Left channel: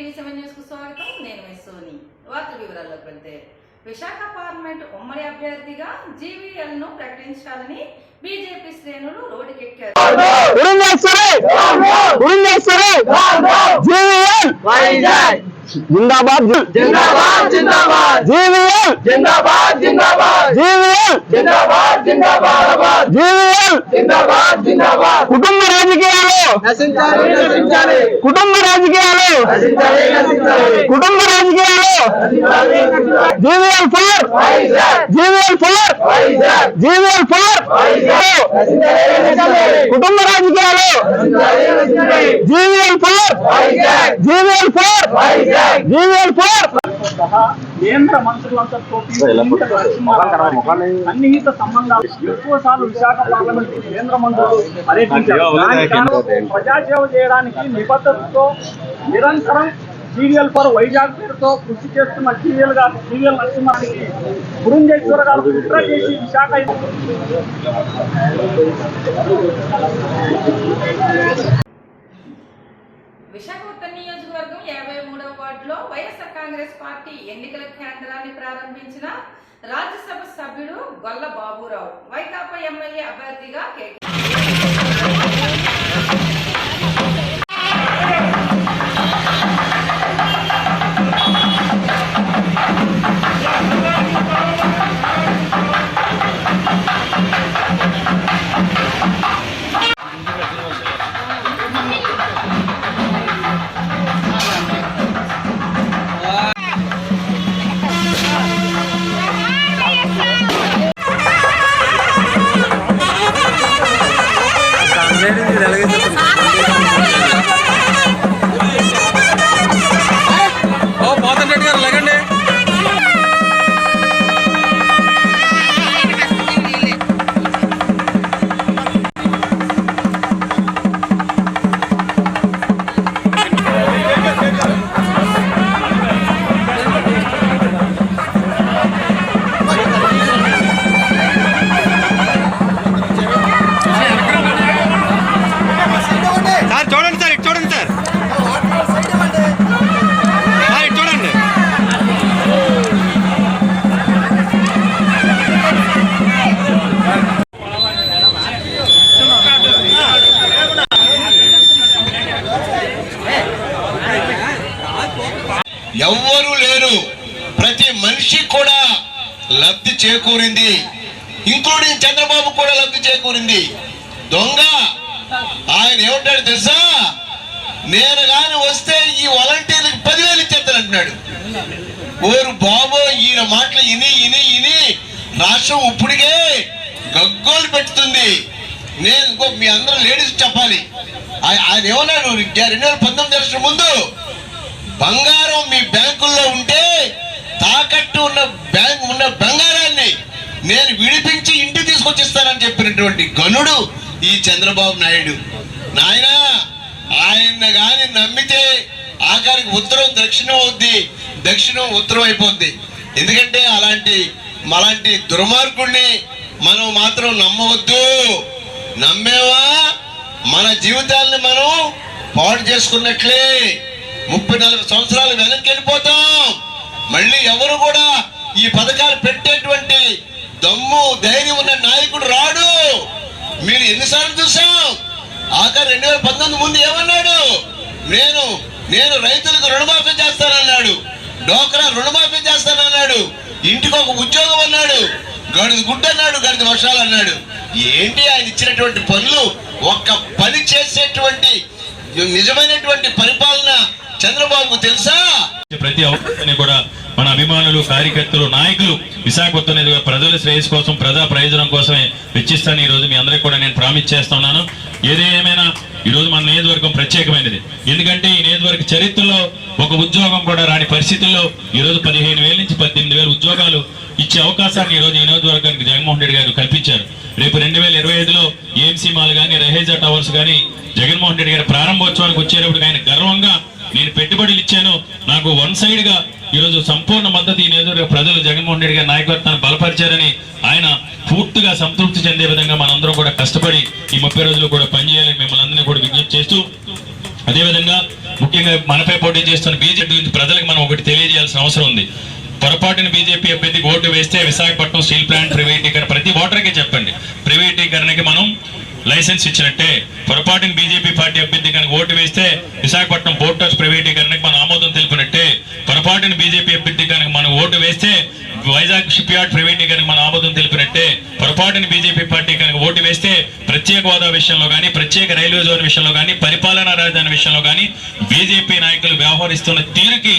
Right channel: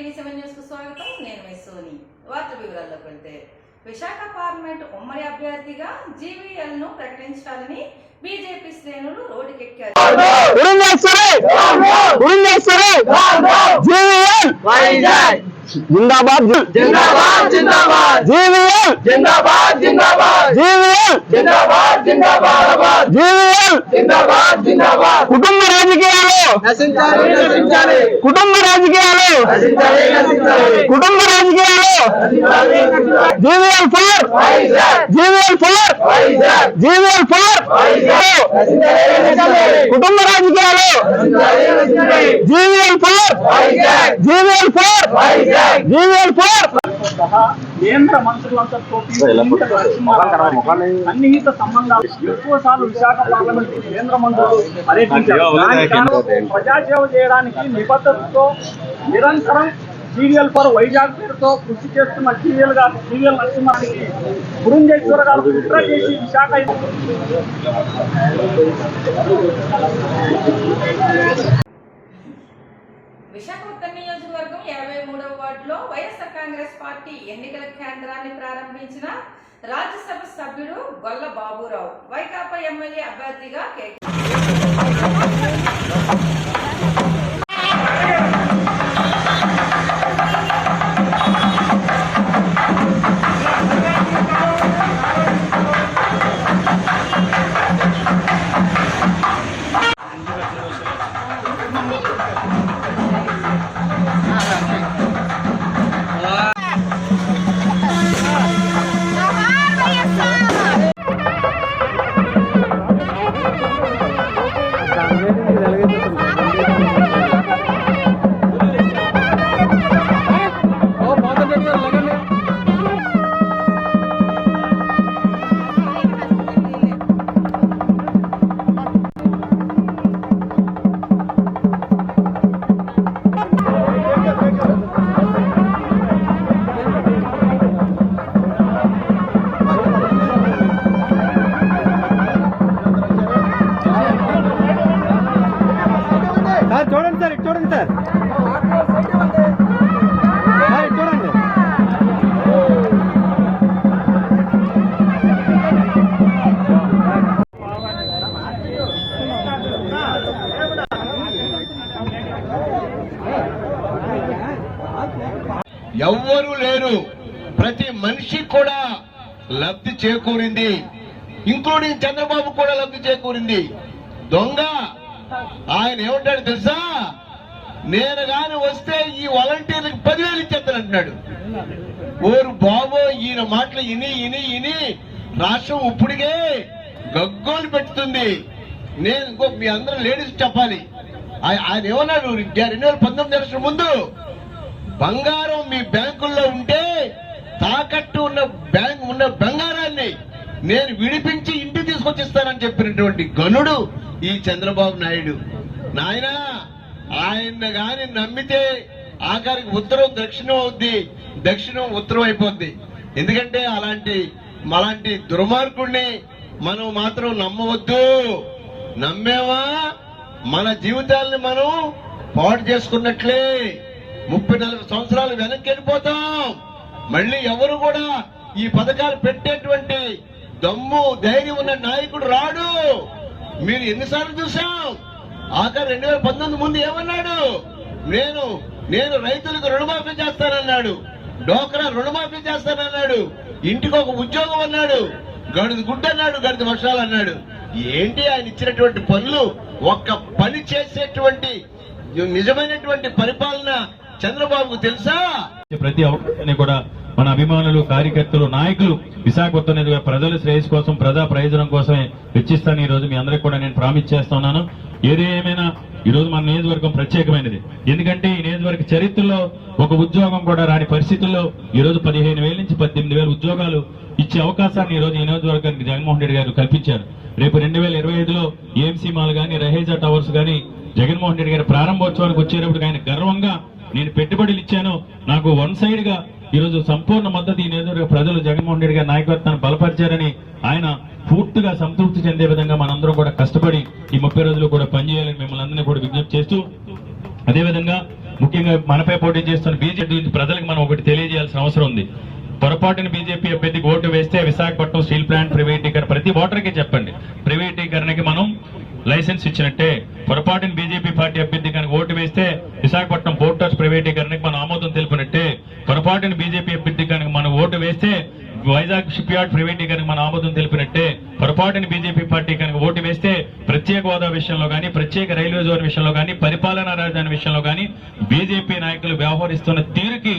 TV seven న్యూస్కు స్వాగతం. నేను మీ సోని. వార్త వివరాల్లోకి వెళ్తే విశాఖ పార్లమెంట్ ఉమ్మడి అభ్యర్థిగా జీవీఎల్ను ప్రకటించాలని బీజేపీ శ్రేణులు రోడ్డుకెక్కారు. జీవీఎల్! వైజాగ్ జిందాబాద్ జిందాబాద్ జిందాబాద్ జీవీఎల్ జిందాబాద్ జిందాబాద్ జీవీఎల్ జిందాబాద్ జిందాబాద్ జీవీఎల్ జిందాబాద్ జిందాబాద్ కుటుంబ రాజకీయాలు నశించాలి నశించాలి కుటుంబ రాజకీయాలు నశించాలి నశించాలి కుటుంబ రాజకీయాలు GVL for Vizag GVL for Vizag GVL for నశించాలి నశించాలి కుటుంబ రాజకీయాలు నశించాలి నశించాలి GVL for Vizag GVL for కేంద్ర మంత్రులంతా సన్నిహిత సంబంధాలు. ఎక్కువ సార్లు విశాఖ పార్లమెంట్ కేంద్ర మంత్రులు పర్యటించారు. ప్రజాసేవ చేయడానికి నిబద్ధతతో నిరంతరం సీరియల్ ఫర్ వైజాగ్ పేరుతో కృషి చేస్తున్న సీరియల్ గారు సీరియల్ నరసింహానికి పురంజేశ్వర గారు కుట్ర చేసి విశాఖ విశాఖ ఉత్తర నియోజకవర్గం యాభై మూడవ వార్డులో వైఎస్ఆర్ కాంగ్రెస్ పార్టీ ఎన్నికల కేంద్రాన్ని ప్రారంభించిన రాజ్యసభ సభ్యుడు గొల్ల బాబురావు. వైకాపా ఎమ్మెల్యే అభ్యర్థిగా కే. పెట్టుతుంది నేను ఇంకో మీ అందరూ లేడీస్ చెప్పాలి. ఆయ- ఆయన ఏమన్నాడు రెండు వేల పంతొమ్మిది ఎలక్షన్ ముందు బంగారం మీ బ్యాంకుల్లో ఉంటే తాకట్టు ఉన్న బ్యాంక్ ఉన్న బంగారాన్ని నేను విడిపించి ఇంటికి తీసుకొచ్చిస్తానని చెప్పినటువంటి గనుడు ఈ చంద్రబాబు నాయుడు. నాయనా ఆయన కానీ నమ్మితే ఆఖరికి ఉత్తరం దక్షిణం అవుద్ది దక్షిణం ఉత్తరం అయిపోద్ది. ఎందుకంటే అలాంటి మలాంటి దుర్మార్గుడిని మనం మాత్రం నమ్మవద్దు. నమ్మేవా? మన జీవితాల్ని మనం పాడు చేసుకున్నట్లే. ముప్పై నలభై సంవత్సరాలు వెనక్కి వెళ్ళిపోతాం. మళ్ళీ ఎవరు కూడా ఈ పథకాలు పెట్టేటువంటి దమ్ము ధైర్యం ఉన్న నాయకుడు రాడు. మీరు ఎన్నిసార్లు చూసాం ఆఖరి రెండు వేల పంతొమ్మిది ముందు ఏమన్నాడు? నేను నేను రైతులకు రుణమాఫీ చేస్తానన్నాడు. డోక్రా రుణమాఫీ చేస్తానన్నాడు. ఇంటికి ఒక ఉద్యోగం అన్నాడు. గడిది గుడ్డ అన్నాడు గడిది వర్షాలు అన్నాడు. ఏంటి ఆయన ఇచ్చినటువంటి పనులు? ఒక్క పని చేసేటువంటి నిజమైనటువంటి పరిపాలన చంద్రబాబు తెలుసా? ప్రతి అవకాశాన్ని కూడా మన అభిమానులు కార్యకర్తలు నాయకులు విశాఖపట్నం ఎదురుగా ప్రజల శ్రేయస్ కోసం ప్రజా ప్రయోజనం కోసమే వెచ్చిస్తాను. ఈ రోజు మీ అందరికీ కూడా నేను ప్రామిస్ చేస్తున్నాను ఏది ఏమైనా ఈ మన నియోజకవర్గం ప్రత్యేకమైనది. ఎందుకంటే ఈ నియోజకవర్గ చరిత్రలో ఒక ఉద్యోగం కూడా రాని పరిస్థితుల్లో ఈరోజు పదిహేను వేల నుంచి పద్దెనిమిది వేల ఉద్యోగాలు ఇచ్చే అవకాశాన్ని ఈ రోజు ఈ నియోజకవర్గానికి జగన్మోహన్ రెడ్డి గారు కల్పించారు. రేపు రెండు వేల ఇరవై ఐదులో ఏఎంసీ మాల్ కానీ రహేజా టవర్స్ కానీ జగన్మోహన్ రెడ్డి గారి ప్రారంభోత్సవానికి వచ్చేటప్పుడు ఆయన గర్వంగా నేను పెట్టుబడులు ఇచ్చాను. నాకు వన్ సైడ్గా ఈరోజు సంపూర్ణ మద్దతు ఈ నియోజకవర్గ ప్రజలు జగన్మోహన్ రెడ్డి గారి నాయకత్వాన్ని బలపరిచారని ఆయన పూర్తిగా సంతృప్తి చెందే విధంగా మనందరం కూడా కష్టపడి ఈ ముప్పై రోజులు కూడా పనిచేయాలని మిమ్మల్ని అందరినీ కూడా విజ్ఞప్తి చేస్తూ అదేవిధంగా ముఖ్యంగా మనపై పోటీ చేస్తున్న బీజేపీ ప్రజలకు మనం ఒకటి తెలియజేయాల్సిన అవసరం ఉంది. పొరపాటున బీజేపీ అభ్యర్థికి ఓటు వేస్తే విశాఖపట్నం స్టీల్ ప్లాంట్ ప్రైవేటీకరణ ప్రతి ఓటర్కి చెప్పండి. ప్రైవేటీకరణకి మనం లైసెన్స్ ఇచ్చినట్టే. పొరపాటున బీజేపీ పార్టీ అభ్యర్థి కనుక ఓటు వేస్తే విశాఖపట్నం పోర్ట్ హౌస్ ప్రైవేటీకరణకి మనం ఆమోదం తెలిపినట్టే. పొరపాటున బీజేపీ అభ్యర్థి కనుక మనం ఓటు వేస్తే వైజాగ్ షిప్ యార్డ్ ప్రైవేటీకరణకి మనం ఆమోదం తెలిపినట్టే. పొరపాటున బీజేపీ పార్టీ కనుక ఓటు వేస్తే ప్రత్యేక హోదా విషయంలో కానీ ప్రత్యేక రైల్వే జోన్ విషయంలో కానీ పరిపాలనా రాజధాని విషయంలో కానీ బీజేపీ నాయకులు వ్యవహరిస్తున్న తీరుకి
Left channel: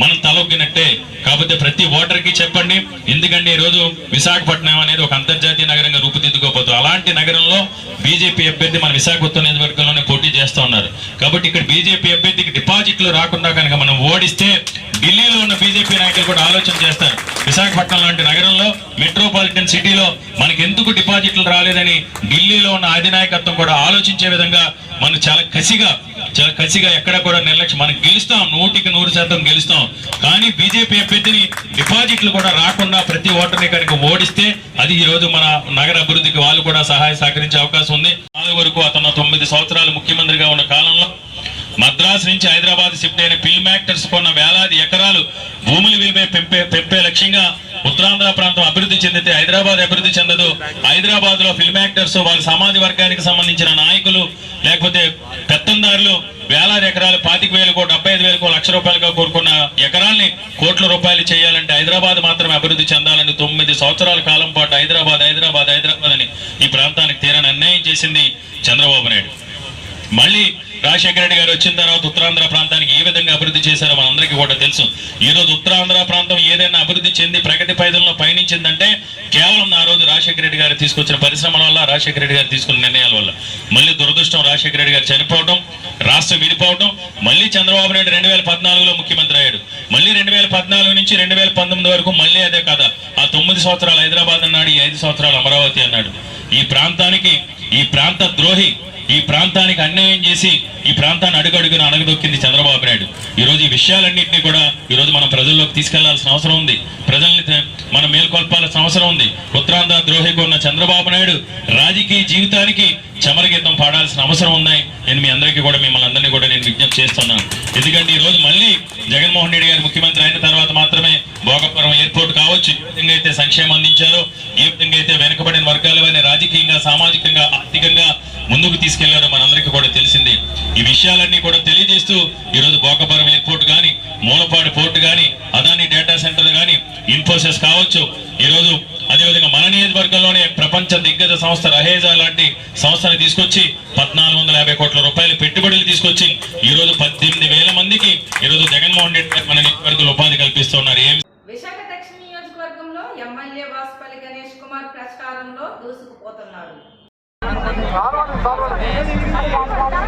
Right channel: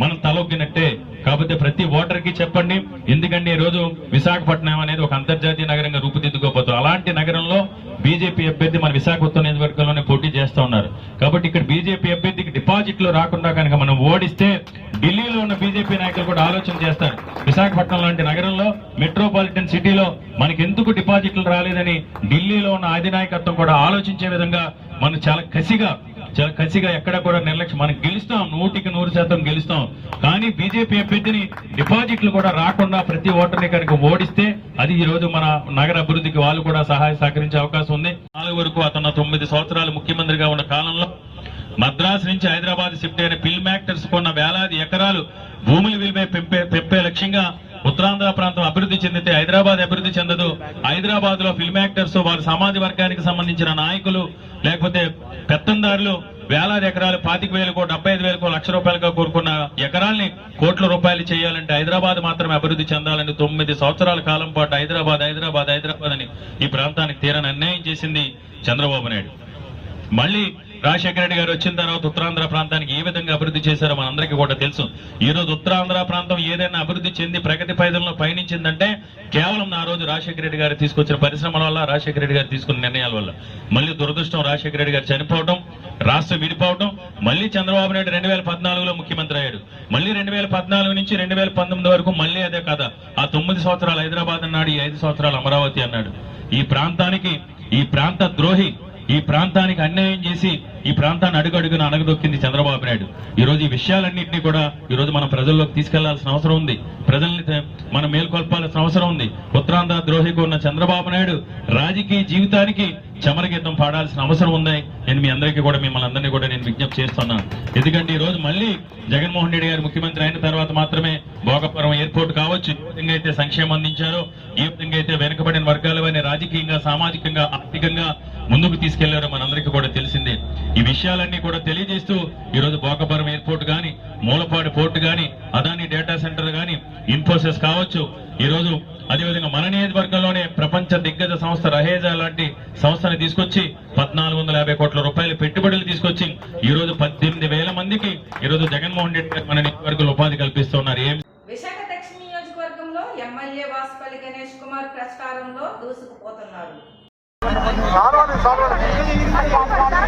మనం తలొగ్గినట్టే. కాకపోతే ప్రతి ఓటర్కి చెప్పండి ఎందుకంటే ఈ రోజు విశాఖపట్నం అనేది ఒక అంతర్జాతీయ నగరంగా రూపుదిద్దుకోపోతుంది అలాంటి నగరంలో బీజేపీ అభ్యర్థి మన విశాఖపట్నం నియోజకవర్గంలోనే పోటీ చేస్తూ ఉన్నారు. కాబట్టి ఇక్కడ బీజేపీ అభ్యర్థికి డిపాజిట్లు రాకుండా కనుక మనం ఓడిస్తే ఢిల్లీలో ఉన్న బీజేపీ నాయకులు కూడా ఆలోచన చేస్తారు. విశాఖపట్నం లాంటి నగరంలో మెట్రోపాలిటన్ సిటీలో మనకి ఎందుకు డిపాజిట్లు రాలేదని ఢిల్లీలో ఉన్న అధినాయకత్వం కూడా ఆలోచించే విధంగా మనం చాలా కసిగా చాలా కసిగా ఎక్కడ కూడా నిర్లక్ష్యం. మనం గెలుస్తాం నూటికి నూరు శాతం గెలుస్తాం. కానీ బీజేపీ అభ్యర్థిని డిపాజిట్లు కూడా రాకుండా ప్రతి ఓటర్ని కనుక ఓడిస్తే అది ఈ రోజు మన నగర అభివృద్ధికి వాళ్ళు కూడా సహాయ సహకరించే అవకాశం ఉంది. నాలుగు వరకు అతను తొమ్మిది సంవత్సరాలు ముఖ్యమంత్రిగా ఉన్న కాలంలో మద్రాసు నుంచి హైదరాబాద్ షిఫ్ట్ అయిన ఫిల్మ్ యాక్టర్స్ కొన్న వేలాది ఎకరాలు భూములు విలువ పెంపే పెంపే లక్ష్యంగా ఉత్తరాంధ్ర ప్రాంతం అభివృద్ధి చెందితే హైదరాబాద్ అభివృద్ధి చెందదు. హైదరాబాద్లో ఫిల్మ్ యాక్టర్స్ వాళ్ళ సమాజ వర్గానికి సంబంధించిన నాయకులు లేకపోతే పెత్తందారులు వేలాది ఎకరాలు పాతిక వేలకు డెబ్బై ఐదు వేలకు లక్ష రూపాయలుగా కోరుకున్న ఎకరాల్ని కోట్ల రూపాయలు చేయాలంటే హైదరాబాద్ మాత్రమే అభివృద్ధి చెందాలని తొమ్మిది సంవత్సరాల కాలం పాటు హైదరాబాద్ హైదరాబాద్ హైదరాబాద్ అని ఈ ప్రాంతానికి తీరని అన్యాయం చేసింది చంద్రబాబు నాయుడు. మళ్ళీ రాజశేఖర రెడ్డి గారు వచ్చిన తర్వాత ఉత్తరాంధ్ర ప్రాంతానికి ఏ విధంగా అభివృద్ధి చేశారో మనందరికీ కూడా తెలుసు. ఈ రోజు ఉత్తరాంధ్ర ప్రాంతం ఏదైనా అభివృద్ధి చెంది ప్రగతి పైదల్లో పయనించిందంటే కేవలం ఆ రోజు రాజశేఖర రెడ్డి గారు తీసుకొచ్చిన పరిశ్రమల వల్ల రాజశేఖర రెడ్డి గారు తీసుకున్న నిర్ణయాల వల్ల. మళ్ళీ దురదృష్టం రాజశేఖర రెడ్డి గారు చనిపోవడం రాష్ట్రం విడిపోవడం మళ్ళీ చంద్రబాబు నాయుడు రెండు వేల పద్నాలుగులో ముఖ్యమంత్రి అయ్యాడు. మళ్ళీ రెండు వేల పద్నాలుగు నుంచి రెండు వేల పంతొమ్మిది వరకు మళ్ళీ అదే కదా ఆ తొమ్మిది సంవత్సరాలు హైదరాబాద్ అన్నాడు ఈ ఐదు సంవత్సరాలు అమరావతి అన్నాడు. ఈ ప్రాంతానికి ఈ ప్రాంత ద్రోహి ఈ ప్రాంతానికి అన్యాయం చేసి ఈ ప్రాంతాన్ని అడుగడుగున అణగదొక్కింది చంద్రబాబు నాయుడు. ఈ రోజు ఈ విషయాలన్నింటినీ కూడా ఈ రోజు మనం ప్రజల్లోకి తీసుకెళ్ళాల్సిన అవసరం ఉంది. ప్రజల్ని మనం మేల్కొల్పాల్సిన అవసరం ఉంది. ఉత్తరాంధ్ర ద్రోహికి ఉన్న చంద్రబాబు నాయుడు రాజకీయ జీవితానికి చమరగీతం పాడాల్సిన అవసరం ఉంది. నేను మీ అందరికీ కూడా మిమ్మల్ని అందరినీ కూడా నేను విజ్ఞప్తి చేస్తున్నాను. ఎందుకంటే ఈ రోజు మళ్ళీ జగన్మోహన్ రెడ్డి గారు ముఖ్యమంత్రి అయిన తర్వాత మాత్రమే భోగపురం ఎయిర్పోర్ట్ కావచ్చు. ఏ విధంగా అయితే సంక్షేమం అందించారో ఏ విధంగా అయితే వెనుకబడిన వర్గాల వారిని రాజకీయంగా సామాజికంగా ఆర్థికంగా ముందుకు తీసుకెళ్ళారో మనందరికీ కూడా తెలిసింది. ఈ విషయాలన్నీ కూడా తెలియజేస్తూ ఈ రోజు భోగపురం ఎయిర్పోర్ట్ గాని మూలపాడు పోర్ట్ గాని అదాని డేటా సెంటర్ కానీ ఇన్ఫోసిస్ కావచ్చు. ఈ రోజు అదేవిధంగా మన నియోజకవర్గంలోనే ప్రపంచ దిగ్గజ సంస్థ రహేజా లాంటి సంస్థని తీసుకొచ్చి పద్నాలుగు వందల యాభై కోట్ల రూపాయల పెట్టుబడులు తీసుకొచ్చి ఈ రోజు పద్దెనిమిది వేల మందికి ఈ రోజు జగన్మోహన్ రెడ్డి మన నియోజకవర్గంలో ఉపాధి కల్పిస్తున్నారు ఏం విశాఖ దక్షిణ నియోజకవర్గంలో ఎమ్మెల్యే వాసుపల్లి గణేష్ కుమార్ ప్రచారంలో దూసుకుపోతున్నారు. ਸਾਰਾ ਦੀ ਸਾਰਾ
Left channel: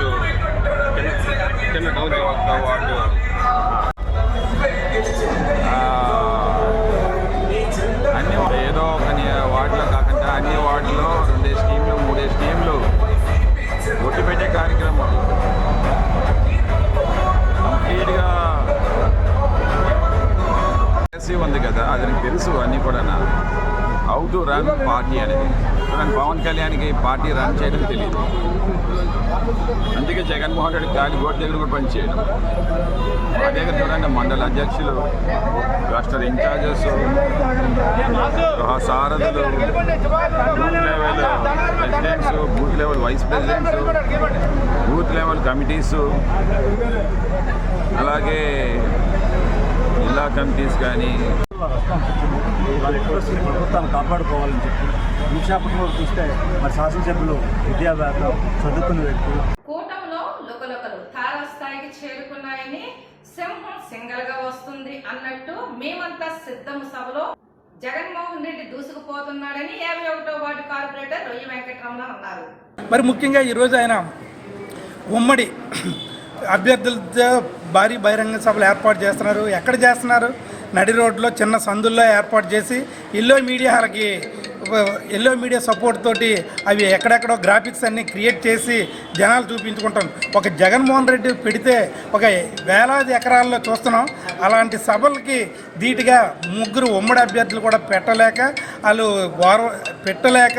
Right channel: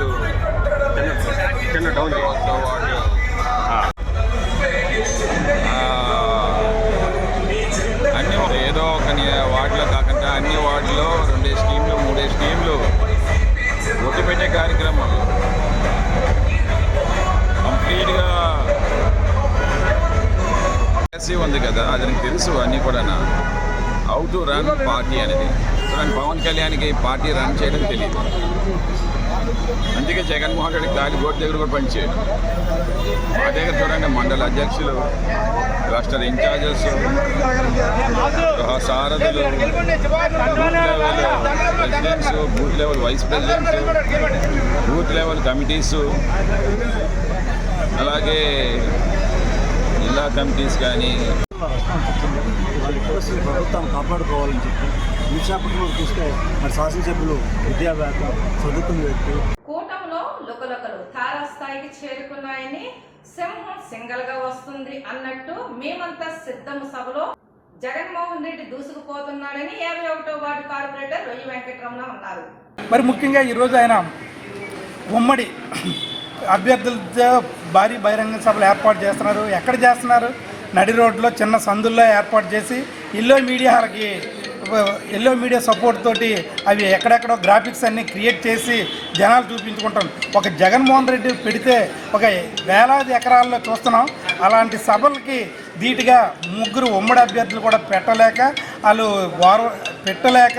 ఈరోజు చిన్న ఒకటో వార్డు వాళ్ళు అన్ని ఏదో ఒక వార్డులో కాకుండా అన్ని వార్డులో రెండే స్కీమ్లు మూడే స్కీమ్లు ఒట్టి పెట్టే కార్యక్రమం. కంప్లీట్గా పాలసీ ఉంది కదా అది నాకు తెలుసు అన్నీ కూడా హౌ టు రన్ పార్టీ అనేది. చూడండి పవన్ కళ్యాణ్కి పార్టీ రన్ చేయడం తెలియదు అందుకే జగన్మోహన్ రెడ్డి గాలి గోటు దగ్గర కూడా పనిచేయడం మా దగ్గర చూడండి మండల అధ్యక్షులు రాష్ట్ర ఇన్ఛార్జెస్ గృహ సారథులు booth level presidents booth level vice presidents booth level committees అలాగే జిల్లా కమిటీస్ కానీ ఇంట్రెస్ట్ ప్రభుత్వాన్ని కాపాడుకోవాలని చెప్పి విశాఖపట్నంలో చూస్తే మరి శాసనసభ్యులు విద్యావేత్త చదువుకున్న వ్యక్తి కూటమిలో లుక చురకలు తారాస్థాయికి చేరుకున్నాయని సింహం సింగల్గా వస్తుంది అన్నట్టు మేమంతా సిద్ధము సభలో జగన్మోహన్ రెడ్డి దూసుకుపోతున్నాడని యాభై ఒకటో వార్డు కార్పొరేటర్ రొయ్య వెంకటరమణ అన్నారు. మరి ముఖ్యంగా ఈరోజు ఆయన ఉమ్మడి అభ్యర్థులతో భారీ బహిరంగ సభలు ఏర్పాటు చేస్తున్నారు. ఎక్కడ చేస్తున్నారు? నడి రోడ్లో చిన్న సందుల్లో ఏర్పాటు చేసి ఎల్లో మీడియాలకి ఎల్లో మీడియా సపోర్ట్ తోటి అవి ఎక్కడెక్కడో గ్రాఫిక్స్ అన్నీ క్రియేట్ చేసి జనాలు చూపించుకుంటాం. ఒక జగన్మోహన్ రెడ్డి పెడితే ఒక వేలాది ఎకరాల్లో చూస్తున్నాం. అలాంటి సభలకి ధీటుగా ముగ్గురు ఉమ్మడి అభ్యర్థులు కూడా పెట్టలేక వాళ్ళు వారు పెట్టలేక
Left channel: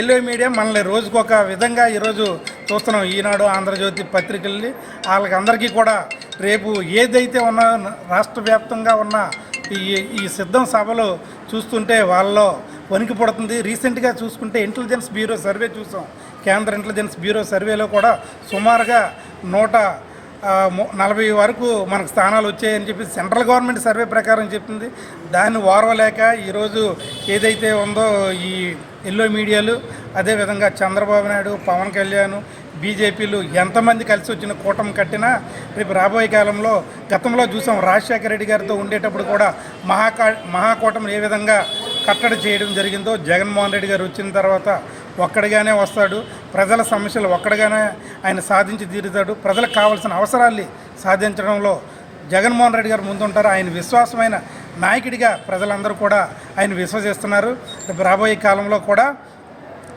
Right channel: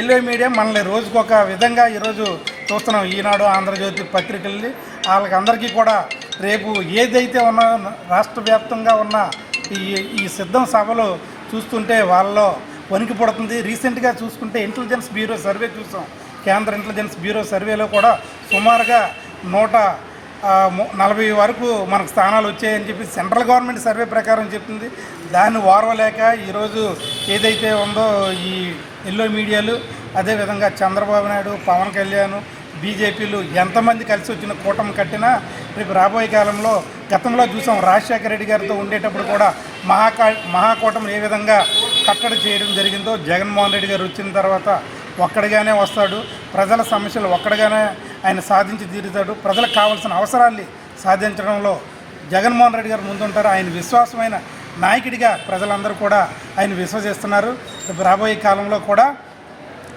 ఎల్లో మీడియా మనల్ని రోజుకు ఒక విధంగా ఈరోజు చూస్తున్నాం. ఈనాడు ఆంధ్రజ్యోతి పత్రికల్ని. వాళ్ళకందరికీ కూడా రేపు ఏదైతే ఉన్న రాష్ట్ర వ్యాప్తంగా ఉన్న ఈ ఈ సిద్ధం సభలు చూస్తుంటే వాళ్ళలో వణికి పడుతుంది. రీసెంట్గా చూసుకుంటే ఇంటెలిజెన్స్ బ్యూరో సర్వే చూసాం. కేంద్ర ఇంటెలిజెన్స్ బ్యూరో సర్వేలో కూడా సుమారుగా నూట నలభై వరకు మనకు స్థానాలు వచ్చాయని చెప్పి సెంట్రల్ గవర్నమెంట్ సర్వే ప్రకారం చెప్తుంది. దాన్ని ఓర్వలేక ఈరోజు ఏదైతే ఉందో ఈ ఎల్లో మీడియాలు అదేవిధంగా చంద్రబాబు నాయుడు పవన్ కళ్యాణ్ బీజేపీలు ఎంతమంది కలిసి వచ్చిన కూటమి కట్టినా రేపు రాబోయే కాలంలో గతంలో చూసాం రాజశేఖర రెడ్డి గారితో ఉండేటప్పుడు కూడా మహాకా మహాకూటమి ఏ విధంగా కట్టడి చేయడం జరిగిందో జగన్మోహన్ రెడ్డి గారు వచ్చిన తర్వాత ఒక్కడిగానే వస్తాడు. ప్రజల సమస్యలు ఒక్కడిగానే ఆయన సాధించి తీరుతాడు. ప్రజలకు కావాల్సిన అవసరాల్ని సాధించడంలో జగన్మోహన్ రెడ్డి గారు ముందుంటారు. ఆయన విశ్వాసమైన నాయకుడిగా ప్రజలందరూ కూడా ఆయన విశ్వసిస్తున్నారు. రేపు రాబోయే కాలంలో కూడా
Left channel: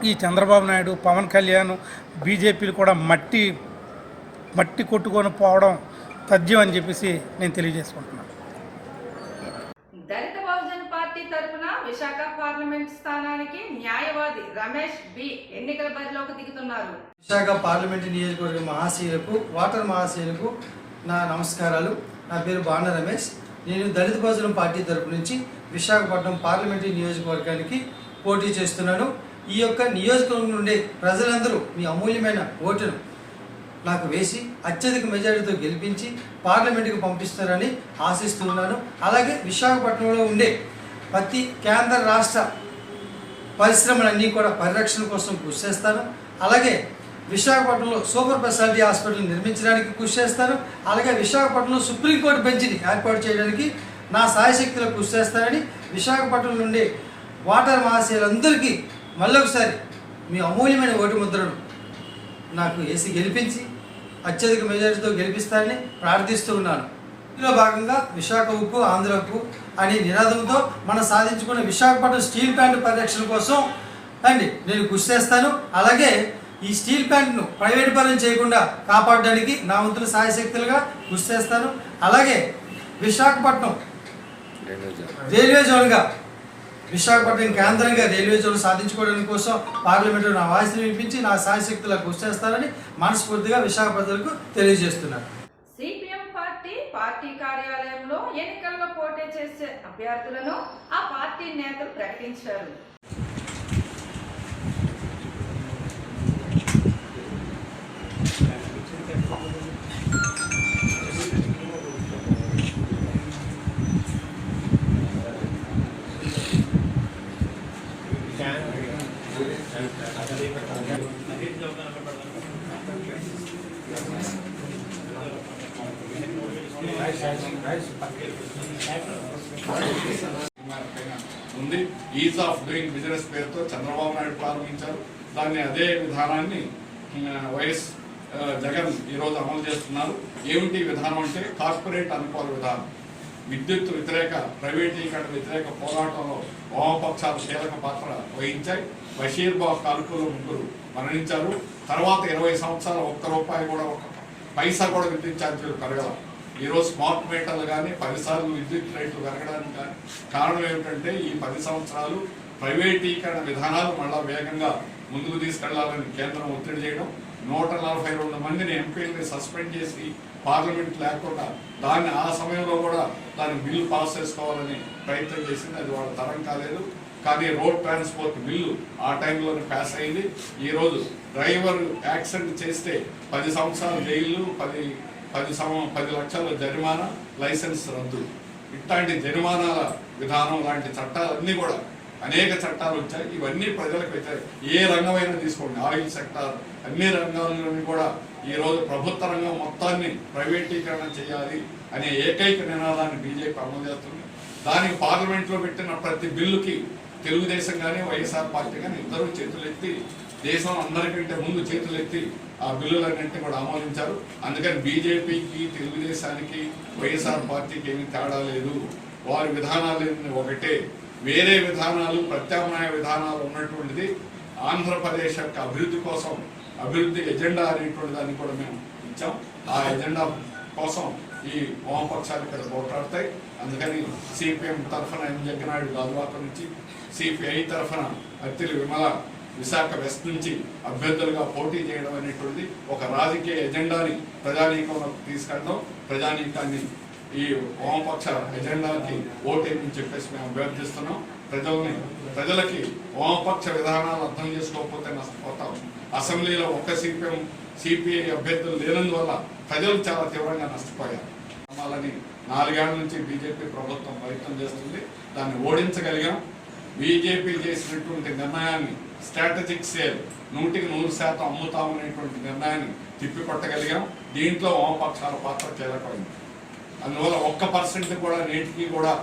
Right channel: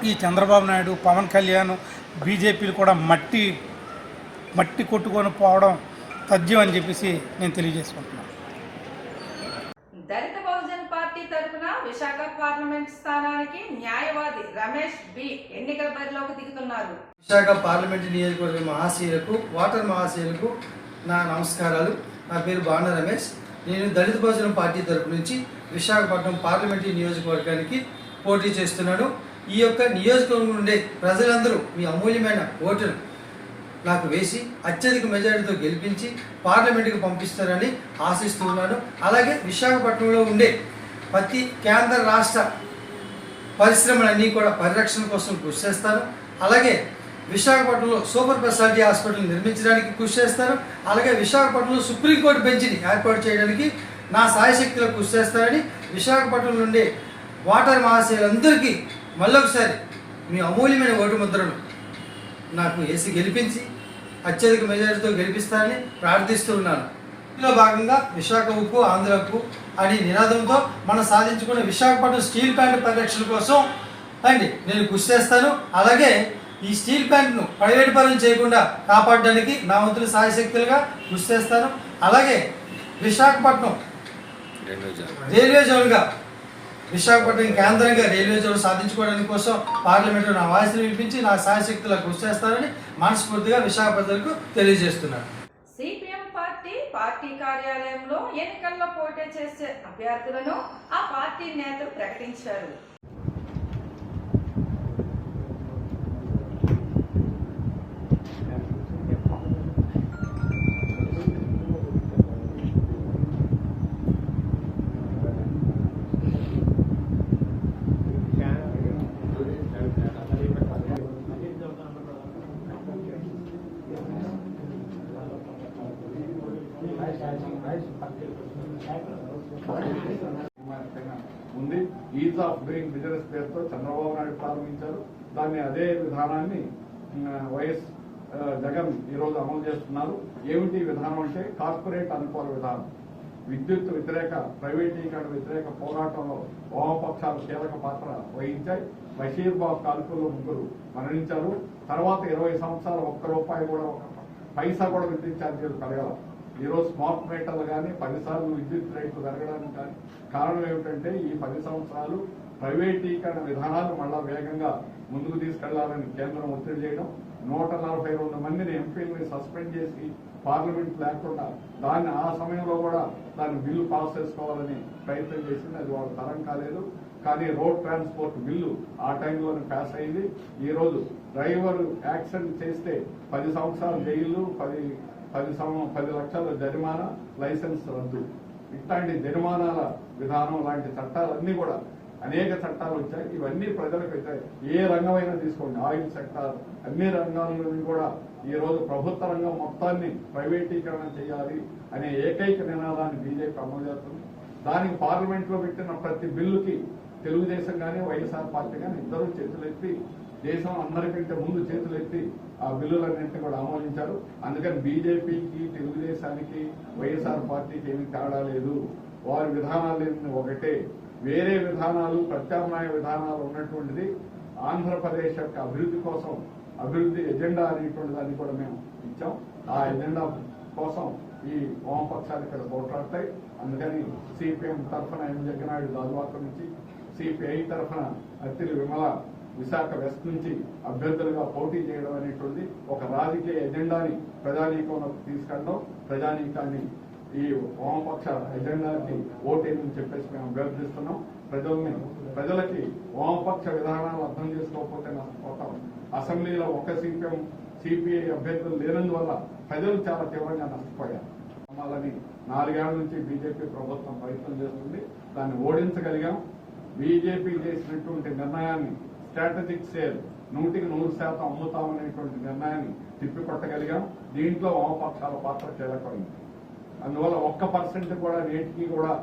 ఈ చంద్రబాబు నాయుడు పవన్ కళ్యాణ్ బీజేపీలు కూడా మట్టి మట్టి కొట్టుకొని పోవడం తథ్యం అని చెప్పేసి నేను తెలియజేసుకుంటున్నాను. దళిత బహుజన్ పార్టీ తరపున విశాఖ పార్లమెంట్ స్థానానికి న్యాయవాది రమేష్ బి ఎన్నికల బరిలోకి దిగుతున్నారు. విశాఖ పార్లమెంటు నియోజకవర్గ మహాశీలకు వాటర్ మహాశీలకు నా నమస్కారాలు. నా పేరు బాణ రమేష్. నేను దళిత భోజనం పార్టీ తరపు నుంచి విశాఖపట్నం పార్లమెంటరీ నియోజకవర్గానికి పోటీ చేస్తున్నాను. ఈ యొక్క నియోజకవర్గం నుండి ప్రజలందరూ మీ అమూల్యమైన ఓటును నాకు వేసి అత్యధిక మెజారిటీతో గెలిపించి పార్లమెంటుకి పంపిస్తారని ఆశిస్తున్నాను అలాగే విశాఖపట్నంలో ఉండే ప్రతి కేంద్ర రాష్ట్ర పరిశ్రమలన్నీ కూడా పరిరక్షణ కోసం కృషి చేస్తాను. అలాగే విశాఖపట్నంలో సూపర్ స్పెషాలిటీ హాస్పిటల్ నిర్మించడానికి కృషి చేస్తాను. అలాగే విశాఖపట్నంలో సుప్రీంకోర్టు బెంచ్ని ఏర్పాటు చేయడానికి నా సాయశక్తిలో కృషి చేస్తానని విశాఖపట్నం నుండి వాటర్ మహాశయులందరికీ మళ్ళొకసారి మీ అమూల్యమైన ఓటు ముద్రను నాకు వేసి గెలిపించి అత్యధిక మెజారిటీతో గెలిపిస్తారని ప్రార్థిస్తూ ఉన్నాను. ఇందులో భాగంగా విశాఖ ఉప్పు ఆంధ్ర ఉప్పు అనే నినాదంతో మనం సాధించుకున్న విశాఖపట్నం స్టీల్ ప్లాంట్ పరిరక్షణ కోసం అండి నేను కృషి చేస్తాను. అలాగే ఈ స్టీల్ ప్లాంట్ను ప్రైవేట్ పరం చేయకుండా కాపాడడానికి నా వంతుల సాయశక్తులుగా కృషి చేస్తాను. అలాగే విశాఖపట్నం రైల్వే జోన్గా విశాఖపట్నం కేంద్రంగా రైల్వే జోన్ సాధించుకోవడానికి కోసం పార్లమెంట్లో నా వాయిస్ని వినిపించి నా సాయశక్తులా కృషి చేస్తారని మనస్ఫూర్తిగా విశాఖ ప్రజలకు సిపిఎం పార్టీ పార్టీ కార్యాలయంలో ఎన్నికల్లో పోటీ చేసే అభ్యర్థులను ఆ పార్టీ నేతలు ప్రకటించారు ఉంది ఈజ్ ఆఫ్ డూయింగ్ బిజినెస్ పేరుతో చంద్రబాబు నాయుడు ప్రారంభించారు దాన్ని అదే విధానాన్ని వైఎస్ జగన్ ఈరోజు అమలు చేస్తున్నారు. ఏమిటి విధానం అంటే కార్పొరేట్ అనుకూల విధానం. విద్యుత్ వ్యతిరేక ప్రైవేటీకరణ వ్యతిరేక పోరాటంలో వామపక్షాలు కీలక పాత్ర వహించాయి. బషీర్ బాబు కాల్పులు ముగ్గురు మరణించారు. తర్వాత ఇరవై సంవత్సరాలు ఒక్క రూపాయి కూడా ఒక పైసా కూడా విద్యుత్ ఛార్జీలు పెరగడం ఈరోజు స్మార్ట్ మీటర్లు కానీ పదిసార్లు విద్యుత్ రేట్లు పెరగడానికి కానీ కారణం ఏమిటంటే ఈ పది సంవత్సరాలు ప్రైవేటీకరణ విధానాలు మళ్ళా వేగంగా ముందుకు తీసుకెళ్ళాలని కేంద్రం ఒత్తిడి చేయడం నూట నలభై రెండు మందిని ఎంపీలని సస్పెండ్ చేసి పార్లమెంట్ లేకుండా దాన్ని ఆ సమయంలో కూడా దాని బిల్లు పాస్ చేసుకోవాలని ప్రయత్నం చేసింది. అది వాళ్ళ తరం కాలేదు. కానీ రోడ్ ట్రాన్స్పోర్ట్ బిల్లు ఆ టైంలోనే పాస్ అయింది. ఈరోజు డ్రైవర్ యాక్సిడెంట్ చేస్తే పది సంవత్సరాలు జైలు పది పది సం పది లక్షల జరిమానా లైసెన్స్ రద్దు. ఇట్లాంటి జరిమానాల విధానం లాంటి చట్టాలన్నీ కూడా అనేక చట్టాలు వచ్చాయి. ఇవన్నీ ప్రజలకు వచ్చాయి ఏ రంగమైనా తీసుకోండి. ఆయిల్ సెక్టార్ అన్ని రంగాల్లోని కూడా ఈ రోజు ప్రభుత్వ రంగం మొత్తాన్ని ప్రైవేటీకరణ చేయాలి అనే ఏకైక నినాదాన్ని బీజేపీ అమలు చేస్తుంది. దానికి పార్లమెంట్లో పెట్టిన ప్రతి బిల్లుకి తెలుగుదేశం కానీ వైఎస్ఆర్ పార్టీ కానీ ఇద్దరు చేతులెత్తి దేశం అందరికంటే ముందు చేతులెత్తి ఆ బిల్లులన్నింటినీ కూడా ఆమోదించారు. అందుకని బీజేపీకి తెలుగుదేశానికి వైఎస్ఆర్ పార్టీకి ఏమీ తేడా లేదు. వారి విధానాలు ఒకటే. వేరే విధానాలు ప్రత్యామ్నాయ విధానాలు ఉన్నటువంటిది ఆంధ్రప్రదేశ్ యొక్క అభివృద్ధి కోసం అభివృద్ధి ఎజెండా అనేటువంటి దాన్ని కూడా మేము ఇచ్చాం. ఆ ఎజెండా కోసం ఈ వామపక్షాలు ఇక్కడ పోట్లాడతాయి. అందుకని సిపిఎం తరఫున ఎం జగన్నాయుడు గాజువాక నుంచి సిపిఐ తరఫున అత్తిలి విమల విశాఖ వెస్ట్ నుంచి అభ్యర్థులుగా పోటీ చేయడం అనేటువంటిది ఒక రాజకీయ ఎజెండాని ప్రజానీకంలోకి తీసుకెళ్ళడం ప్రజానీకాన్ని ఈ వామపక్ష ఎజెండాకి ఓటేయని చెప్పేసి మేము అభ్యర్థిస్తున్నాం. ప్రజల్ని ప్రజలకి వామపక్ష విధానాలు అర్థం చేసుకోకపోతే నష్టపోతాం అసెంబ్లీలో ఒక్క సిపిఎం సిపిఐ అభ్యర్థులు లేనందువల్ల ప్రజలు చాలా తీవ్రంగా నష్టపోయారు. వాళ్ళని నాలుగేళ్ళ నుంచి బీజేపీ ప్రభుత్వం ప్రయత్నం చేస్తుంది. దాన్ని ఓడించగలిగాం. బీజేపీ చేసినటువంటి నిర్ణయాన్ని స్ట్రాటజిక్ సేల్ నూటికి నూరు శాతం అమ్ముతామనేటువంటి నిర్ణయాన్ని తిప్పికొట్టగలిగాం. దీంట్లో వామపక్షాల పాత్ర కీలకమైంది అందువల్ల ఒక్క పర్సెంట్ కూడా నేటికి కూడా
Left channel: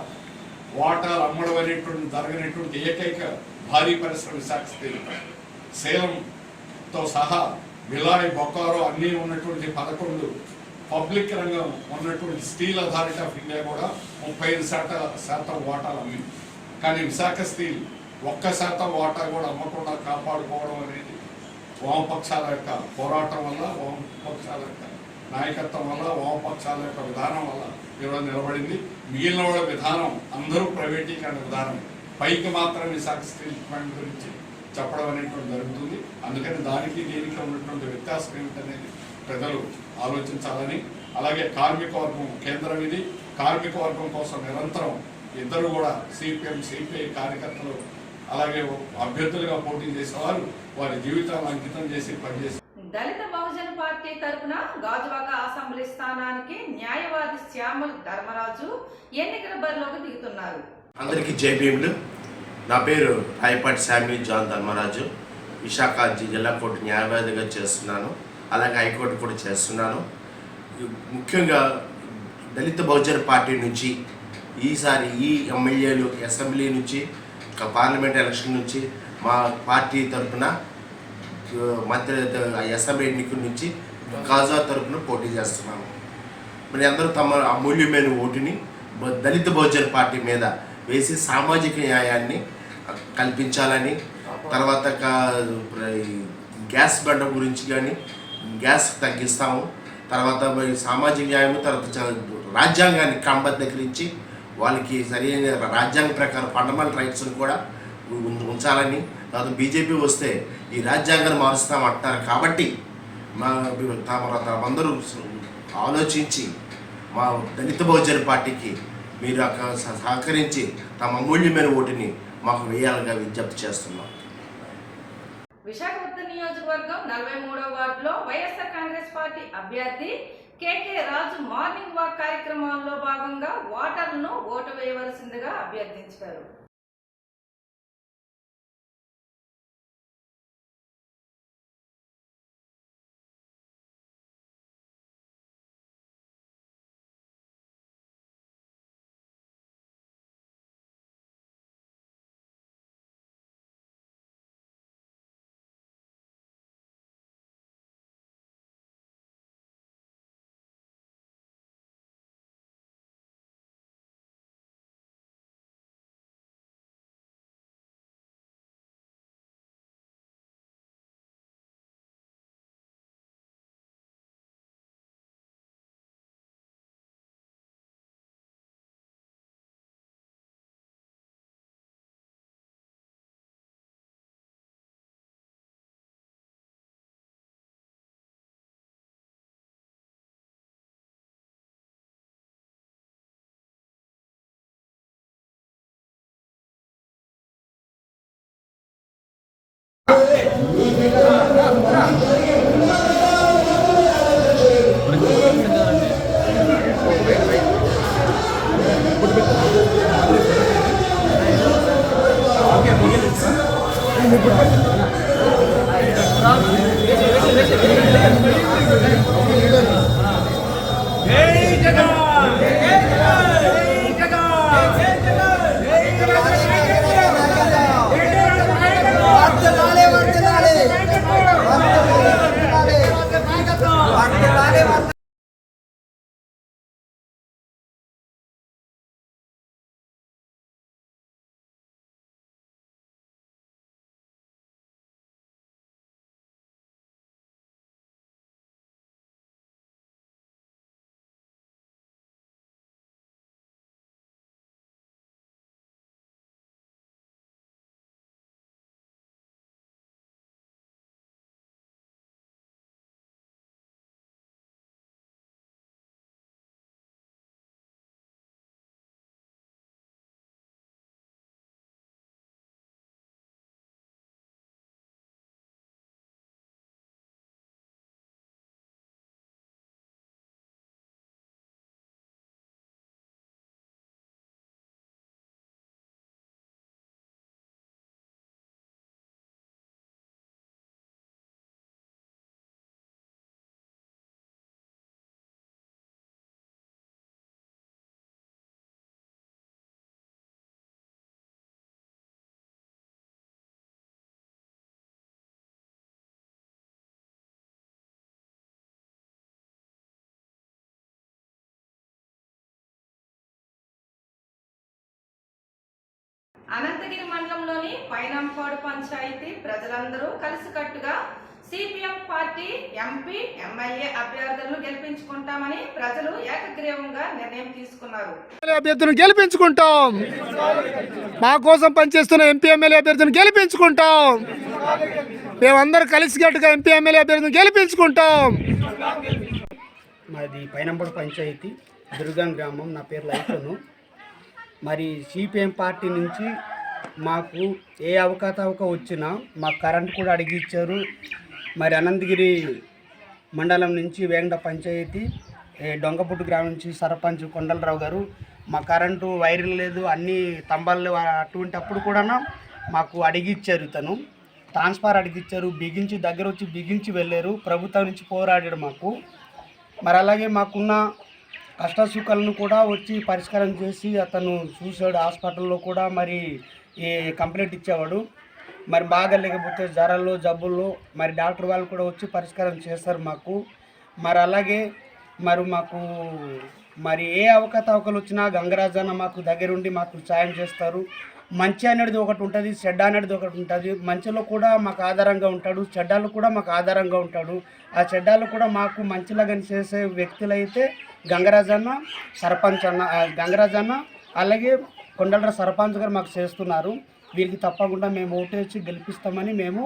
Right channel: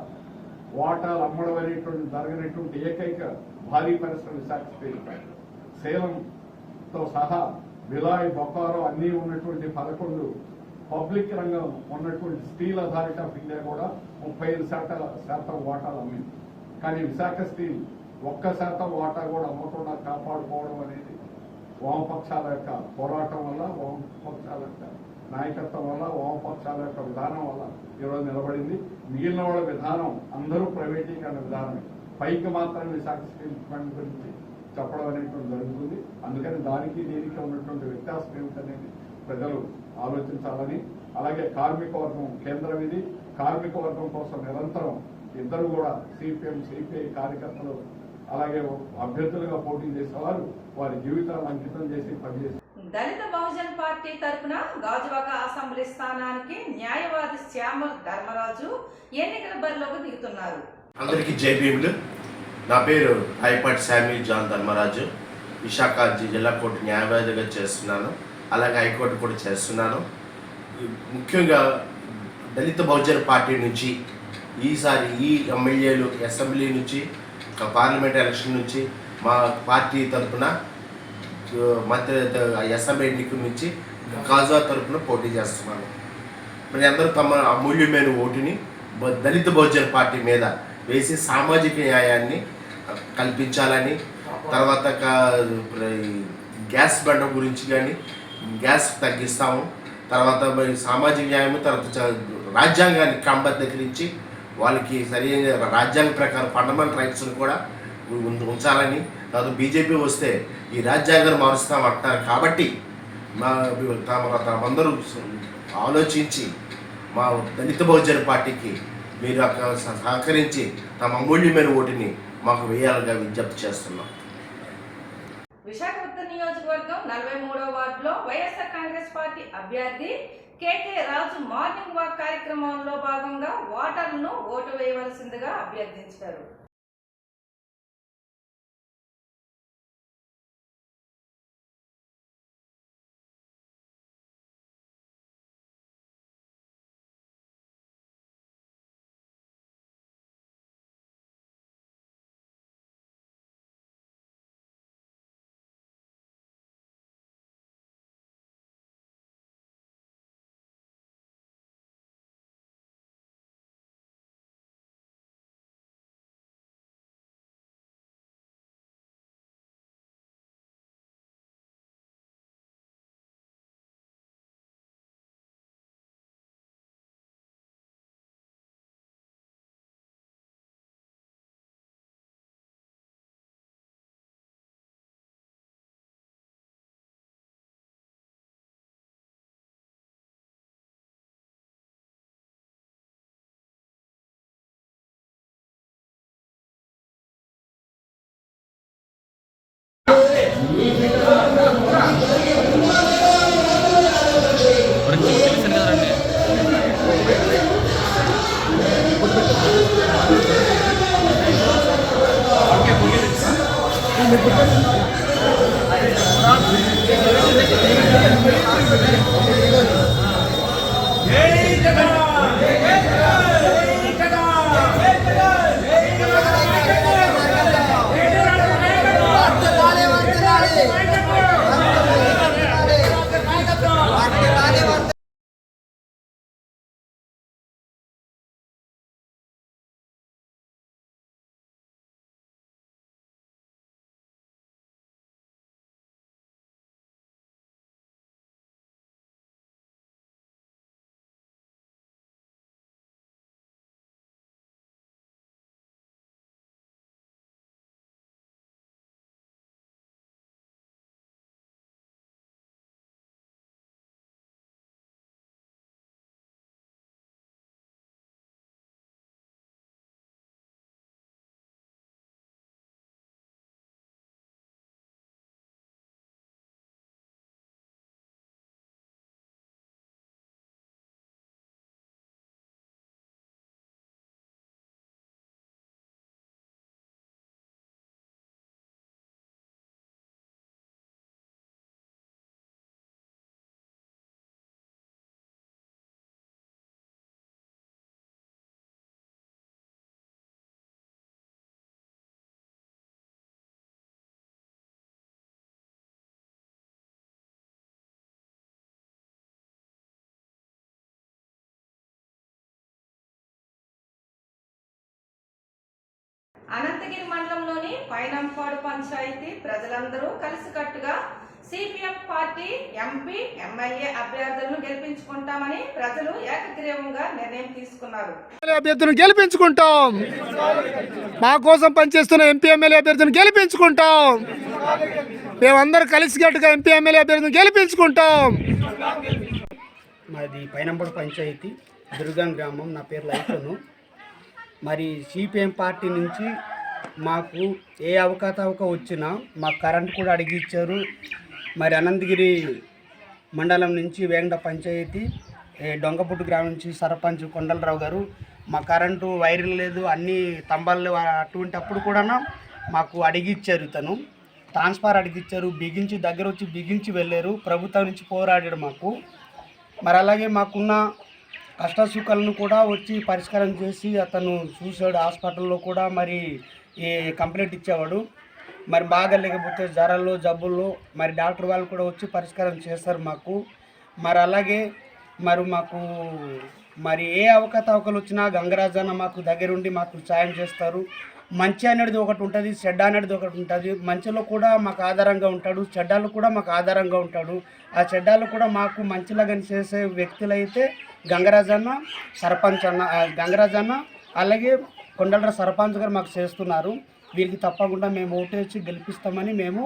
వాటాలు అమ్మడం అనేటువంటి జరగనటువంటి ఏకైక భారీ పరిశ్రమ విశాఖ స్టీల్ సేలంతో సహా విలాయ్ బొకారో అన్నీ ఉన్నటువంటి పదకొండు పబ్లిక్ రంగం ఉన్నటువంటి స్టీల్ అథారిటీ ఆఫ్ ఇండియా కూడా ముప్పై ఐదు శాతం శాతం వాటాలు అమ్మింది. కానీ విశాఖ స్టీల్ ఒక్క శాతం వాటా కూడా అమ్మకుండా కాపాడుకోవడం అనేది వామపక్షాల యొక్క పోరాటం వల్ల వామపక్షాల యొక్క నాయకత్వం వల్ల వామపక్షాల యొక్క విధానం వల్ల ఈరోజు నిలబడింది. మిగిలిన వాళ్ళ విధానం అందరూ ప్రైవేటీకరణ విధానం పైకి మాత్రం విశాఖ స్టీల్ ప్లాంట్ గురించి చెప్పడం అనేటువంటి జరుగుతుంది. అందుకని దానికి దీనికి ఉన్నటువంటి వ్యత్యాసం ఏమిటనేది ప్రజలు ఆలోచించాలని అలాగే కార్మిక వర్గం కేంద్రం ఇది. కార్మిక వర్గం కోసం నిరంతరం ఇద్దరు కూడా సిపిఎం సిపిఐ కార్యకర్తలు అలాగే అభ్యర్థులుగా పోటీ చేసేవారు వారి జీవితాలను అంకితం చేసి పనిచేసి దళిత బహుజన్ పార్టీ తరపున గాజువాక అసెంబ్లీ స్థానానికి న్యాయవాది శ్యామల్ ధర్మరాజు ఎన్నికల బరిలోకి దిగుతున్నారు. అందరికీ జై భీములు. నా పేరు రాయపాటి శామ్యూల్ జాన్ ధర్మరాజు. విశాఖ జిల్లా కోర్టు న్యాయవాదిగా చేస్తున్నాను. అలాగే హైకోర్టు కూడా చేస్తున్నాను. ముఖ్యంగా దళిత బహుజన్ పార్టీ నుంచి ఈసారి ఈ ఎమ్మెల్యేలు అసెంబ్లీ నుంచి పార్లమెంట్ ఎలక్షన్ నుంచి మా పార్టీ తరఫున మధ్య అసెంబ్లీ ఎన్నికల నుంచి కాజా తరఫున పోటీ చేస్తున్నాను మరి అందరూ తమ అమూల్యమైన ఓటుని దళిత బహుజన పార్టీ మీద వేసి సామాజిక న్యాయాన్ని కల్పించాలని తర్వాత కా- గ్యాస్ బండ గురించి కానీ గ్యాస్ తగ్గిస్తాము తర్వాత మరి సామాజిక న్యాయము తర్వాత రాజ్యాంగాన్ని క్రమబద్ధీకరించి వాళ్ళకి సరైన రాజ్యాంగ ప్రకారం ఫండమెంటల్ రైట్స్ని కూడా ఉంచాలని కాదు బీజేపీ వస్తే ఈ రాజ్యాంగాన్ని మారుస్తామంటున్నారు కాబట్టి మా తమ తమందరూ ఆలోచించి మా దళిత బహుజన పార్టీకి మీరు అక్కడ సహకరించి తమ అమూల్యమైన ఓటుని మాకు వేయాలిగా విజ్ఞప్తి చేస్తున్నాం. విశాఖపట్నం నియోజకవర్గం నలభై మూడో వార్డులో వైఎస్ఆర్ కాంగ్రెస్ పార్టీ అభ్యర్థి కేకే రాజు మార్నింగ్ వాక్ కార్యక్రమంలో భాగంగా ఓటర్లను ఓటు వేయవలసిందిగా అభ్యర్థించారు. Thank you. అనంతగిరి మండలంలోని పైనంపాడు పంచాయతీ ప్రజలందరూ కలిసికట్టుగా సిపిఎం పార్టీ ఎంపీ ఎమ్మెల్యే అభ్యర్థులను గెలిపించుకుంటామని ప్రజలు ఏకగ్రీవంగా నిర్ణయం తీసుకున్నారు. అభ్యర్థులను గెలిపించుకుంటాం. మా కోసం పనిచేస్తున్న ఎంపీ ఎమ్మెల్యే అభ్యర్థులను గెలిపించుకుంటాం. మేమందరం కలిసికట్టుగా ఎంపీ ఎమ్మెల్యే అభ్యర్థులను గెలిపించుకుంటాం. మాది పైనంపడు పంచాయతీ దుర్గం గ్రామం. నా పేరు లైఫను మరి సిపిఎం పార్టీ నుంచి మాకు ఏ అవకాతవక వచ్చినా మాకు కరెంట్ కూడా అడిగిచ్చారు మరి అనంతగిరి మండలం నుంచి వేంగడ పంచాయతీ డొంగపుట్టు గ్రామం నుంచి సర్పంచ్ కొండలరావు గారు మా కరెంటు వైర్లు లేదు అన్ని తంబాలు అటువంటి అప్పుడు కూడా మాకు అడిగిచ్చారు తను. ట్రాన్స్ఫార్ అడిగిచ్చారు బిగించి దగ్గర వచ్చి బిగించి వెళ్ళారు. ప్రభుత్వం నుంచి పోరాడాడు మాకు. మరి అలాగే మాకున్న కష్టసుఖాలను కూడా వచ్చి పరిష్కారం చేసి అతను చూశాడు హాస్పిటల్లో కూడా మరి ఈ కంప్లైంట్ ఇచ్చేవాడు. మరి బాగా లేకపోతే జ్వరాల్లో జబ్బుల్లో మరి డాక్టర్ వాళ్ళు కూడా వచ్చి పరిష్కారం చేస్తారు మాకు. మరి అలాగే మరి మాకు మరి ఏ అవకతవకలు వచ్చినా గంగరాజన్న మాకు దగ్గరుండి మాకు సాయం చేస్తారు. మంచి అనేది ఒకటి ఉంటుంది చెడ్డ అనేది ఒకటి ఉంటుంది. మంచిలో కూడా మాకు ఆధారంగా ఉంటాడు చెడ్డాలు కూడా మాకు ఆధారంగా ఉంటాడు. ఆ చెడ్డాలు కూడా మాకు మంచిలాగా చేసే వ్యక్తులైతే గంగరాజన్న సర్పంచ్ అన్న గంగరాజ్ గంగరాజన్న అలాగే కొండల సర్పంచ్ గారు మాకు చేస్తున్నారు. వీరికి తప్పకుండా మేము ఓటేసి గెలిపిస్తామని మేము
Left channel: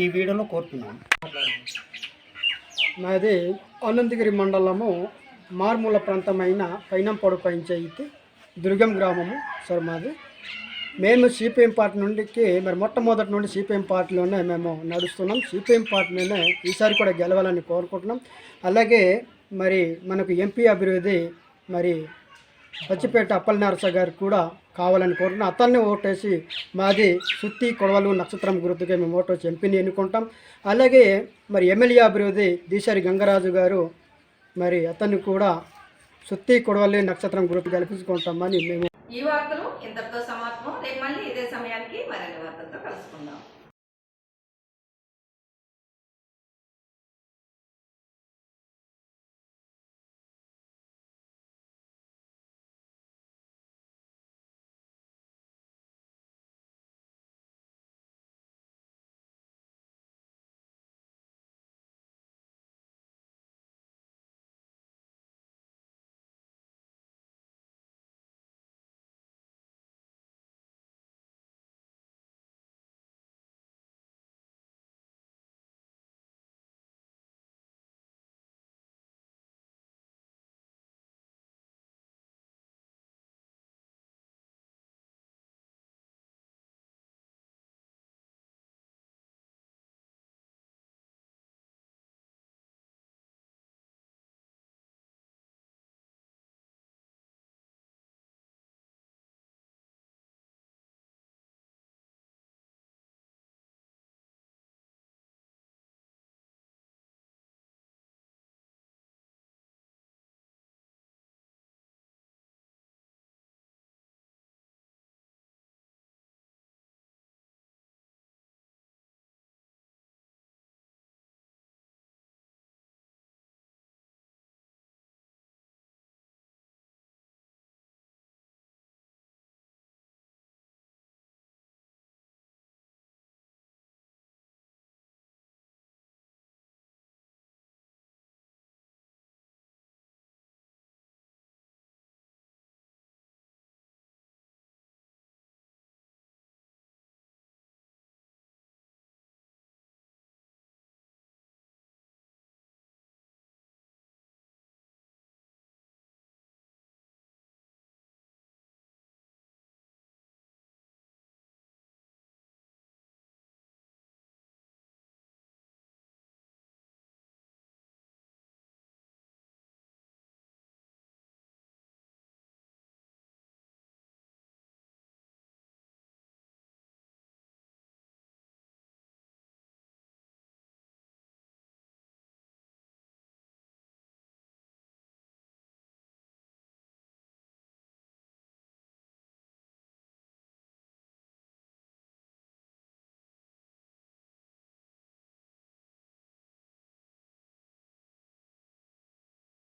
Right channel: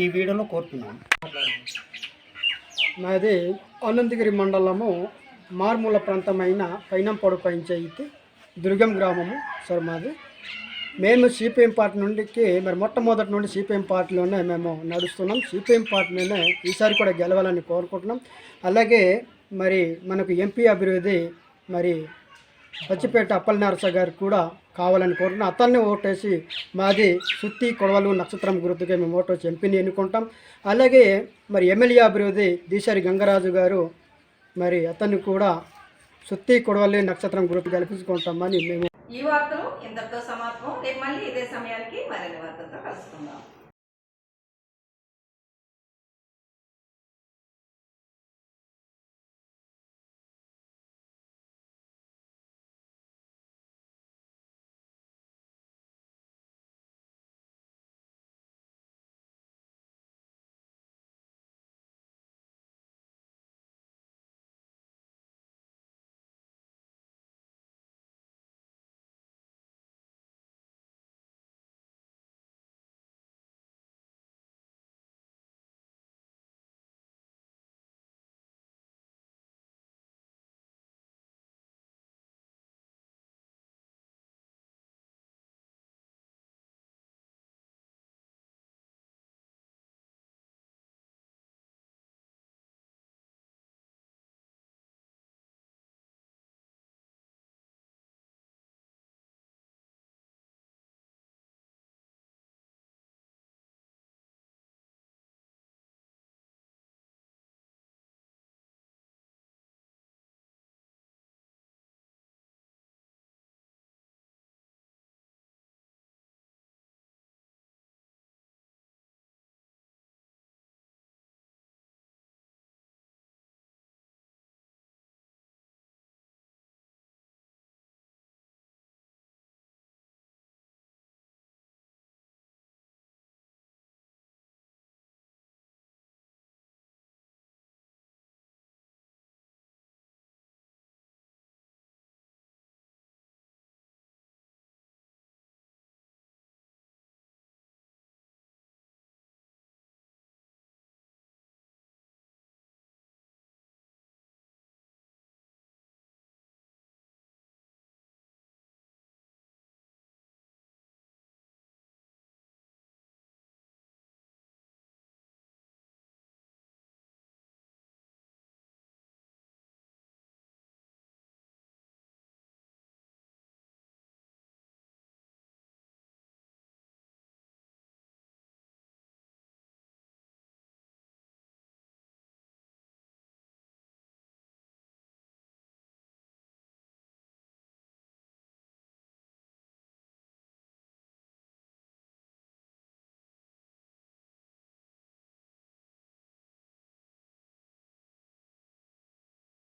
ఈ వీడియోలో కోరుతున్నాము మాది అనంతగిరి మండలము మారుమూల ప్రాంతమైన పైనంపాడు పంచాయతీ దుర్గం గ్రామము సార్ మాది. మేము సిపిఎం పార్టీ నుండికి మరి మొట్టమొదటి నుండి సిపిఎం పార్టీలోనే మేము నడుస్తున్నాం. సిపిఎం పార్టీలోనే ఈసారి కూడా గెలవాలని కోరుకుంటున్నాం. అలాగే మరి మనకు ఎంపీ అభివృద్ధి మరి పచ్చిపేట అప్పల నరస గారు కూడా కావాలని కోరుతున్నాం అతన్ని ఓటేసి మాది సుత్తి కొడవలు నక్షత్రం గుర్తుగా మేము ఓటేసి ఎంపీని ఎన్నుకుంటాం. అలాగే మరి ఎమ్మెల్యే అభివృద్ధి దీశారి గంగరాజు గారు మరి అతన్ని కూడా సుత్తి కొడవలి నక్షత్రం గుర్తు కల్పించుకుంటామని మేము ఈ వార్తలు ఇంతటితో సమాప్తం. రేపు మళ్ళీ ఇదే సమయానికి మరిన్ని వార్తలతో కలుసుకుందాం.